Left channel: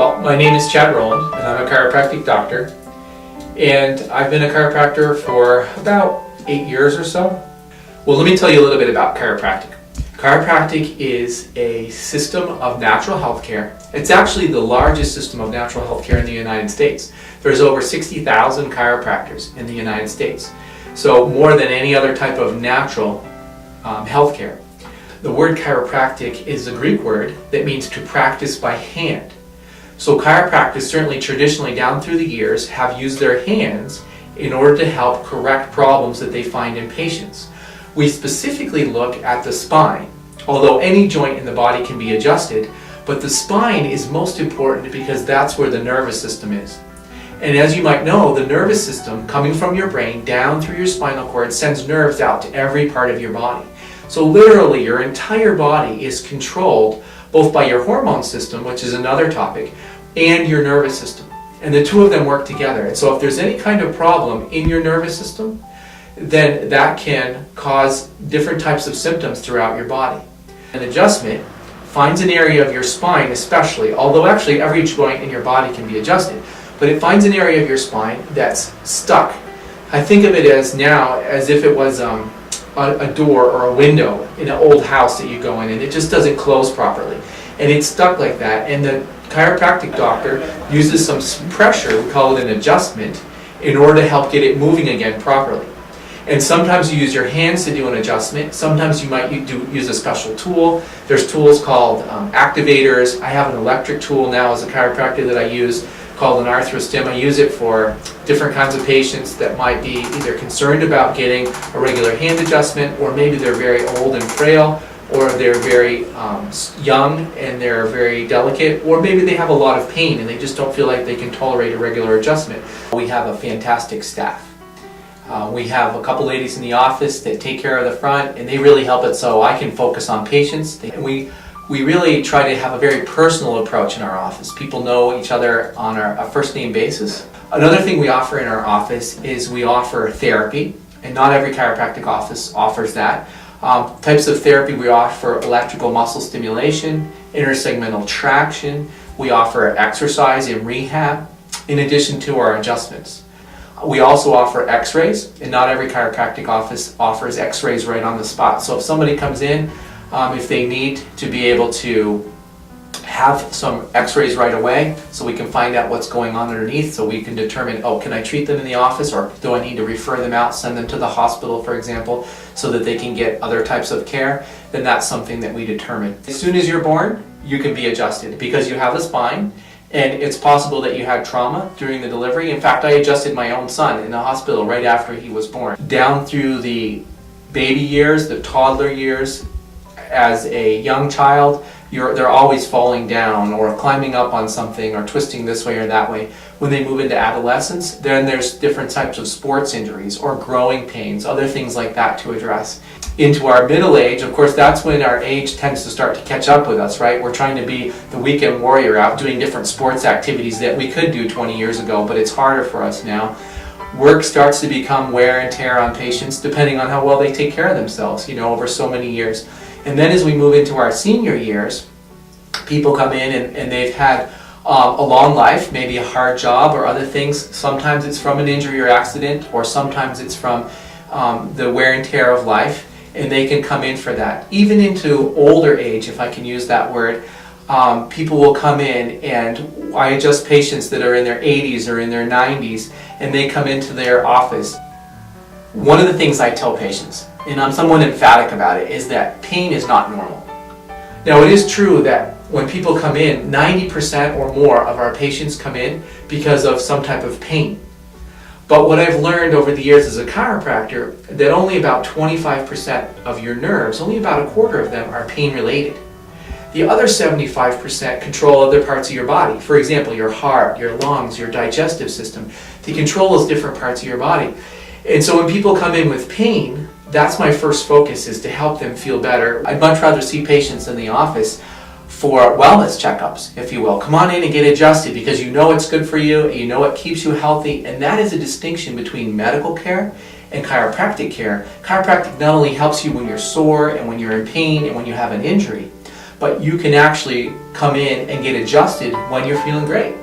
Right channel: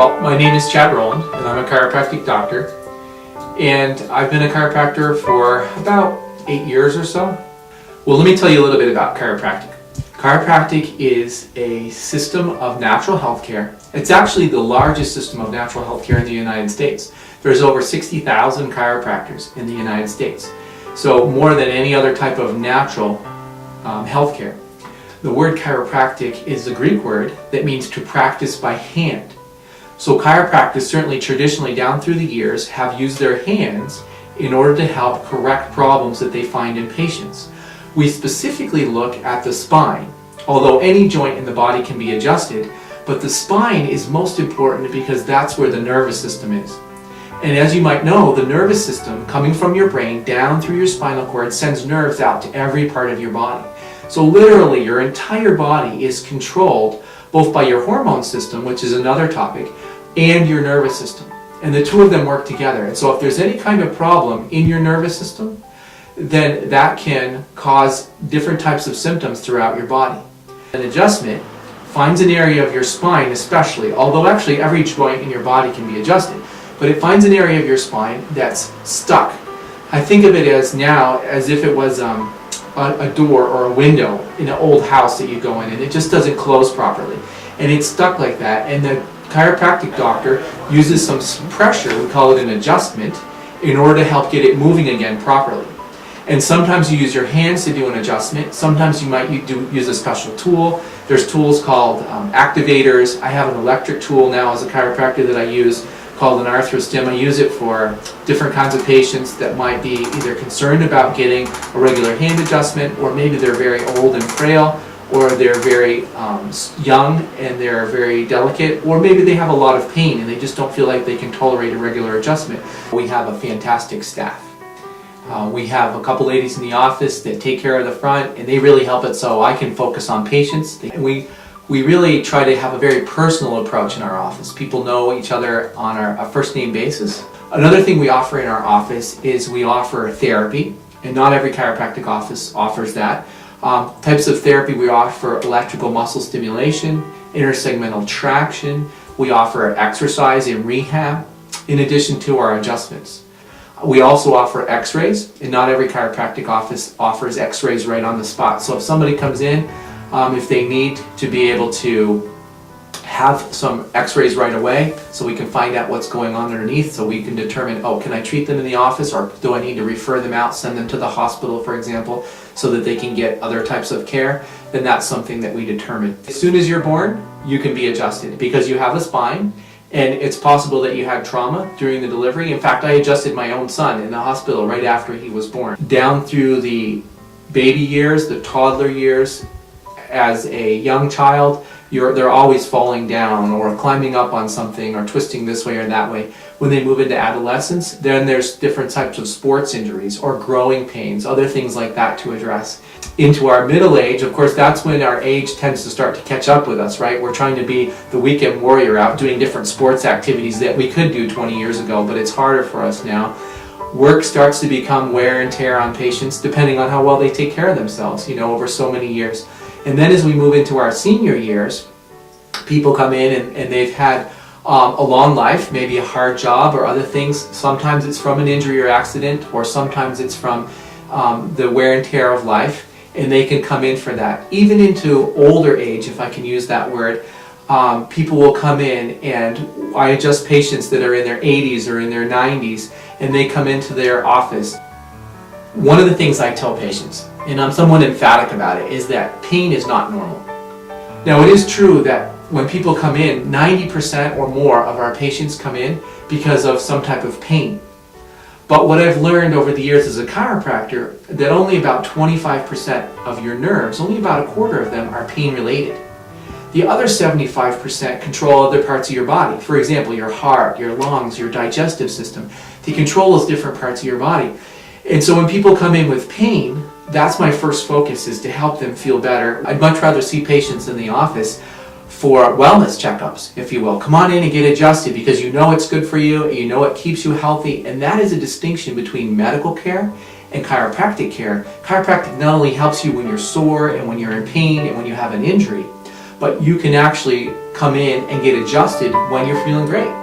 Well, my name is Chad Rolland, and I'm a chiropractic doctor. And I've been a chiropractor for about 8 years or so. Well, let me tell you a little bit about chiropractic. Chiropractic is a system of natural health care. It's actually the largest system of natural health care in the United States. There's over 60,000 chiropractors in the United States. So more than any other type of natural health care. The word chiropractic is a Greek word that means to practice by hand. So chiropractors, certainly traditionally down through the years, have used their hands in order to help correct problems that they find in patients. We specifically look at the spine, although any joint in the body can be adjusted, but the spine is most important because that's where the nervous system is. And as you might know, the nervous system coming from your brain down through your spinal cord sends nerves out to every part of your body. So literally your entire body is controlled both by your hormone system, which is another topic, and your nervous system. And the two of them work together. And so if there's any kind of problem in your nervous system, then that can cause different types of symptoms throughout your body. An adjustment finds an area of your spine especially, although actually every joint in your body can be adjusted, but it finds an area of your spine that's stuck. I think of it as now as if it was a door or a window in an old house that you go in and it just doesn't close properly. And it's stuck like that, and the chiropractic doctor uses some pressure, we call it an adjustment, in order to help get it moving again properly. And sometimes you use your hands to do an adjustment. Sometimes you might use a special tool. There's tools called activators. I have an electric tool now as a chiropractor that I use called an arthrostim. I use it for different kinds of patients that might be either concerned about getting a regular hand adjustment, or maybe they're very old and frail, or they're very young and they're very delicate, or maybe they have a lot of pain and they just don't feel like they can tolerate a regular adjustment. We have a fantastic staff. We have a couple ladies in the office that take care of the front, and they really help it so I can focus on patients. We really try to have a very personal approach in our office. People know each other on a first name basis. Another thing we offer in our office is we offer therapy, and not every chiropractic office offers that. Types of therapy: we offer electrical muscle stimulation, intersegmental traction, we offer exercise and rehab, in addition to our adjustments. We also offer x-rays, and not every chiropractic office offers x-rays right on the spot. So if somebody comes in, if they need to be able to have some x-rays right away, so we can find out what's going on underneath, so we can determine, oh, can I treat them in the office, or do I need to refer them out, send them to the hospital, for example, so that they can get other types of care, then that's something that we determine. As soon as you're born, you can be adjusted because you have a spine, and it's possible that you had trauma during the delivery. In fact, I adjusted my own son in the hospital right after he was born. Down through the baby years, the toddler years, as a young child, they're always falling down or climbing up on something or twisting this way or that way. When they move into adolescence, then there's different types of sports injuries or growing pains, other things like that to address. Into our middle age, of course, that's when our age tends to start to catch up with us, right? We're trying to be the weekend warrior out doing different sports activities that we could do 20 years ago, but it's harder for us now. Work starts to become wear and tear on patients depending on how well they take care of themselves, over so many years. And then as we move into our senior years, people come in and they've had a long life, maybe a hard job or other things. Sometimes it's from an injury or accident, or sometimes it's from the wear and tear of life, and they can come in for that. Even into older age, if I can use that word, people will come in, and I adjust patients that are in their 80s or in their 90s, and they come into their office. One of the things I tell patients, and I'm somewhat emphatic about it, is that pain is not normal. Now, it is true that when people come in, 90% or more of our patients come in because of some type of pain. But what I've learned over the years as a chiropractor, that only about 25% of your nerves, only about a quarter of them, are pain related. The other 75% control other parts of your body. For example, your heart, your lungs, your digestive system. They control those different parts of your body. And so when people come in with pain, that's my first focus, is to help them feel better. I'd much rather see patients in the office for wellness checkups, if you will. Come on in and get adjusted because you know it's good for you, you know it keeps you healthy, and that is a distinction between medical care and chiropractic care. Chiropractic not only helps you when you're sore and when you're in pain and when you have an injury, but you can actually come in and get adjusted when you're feeling great.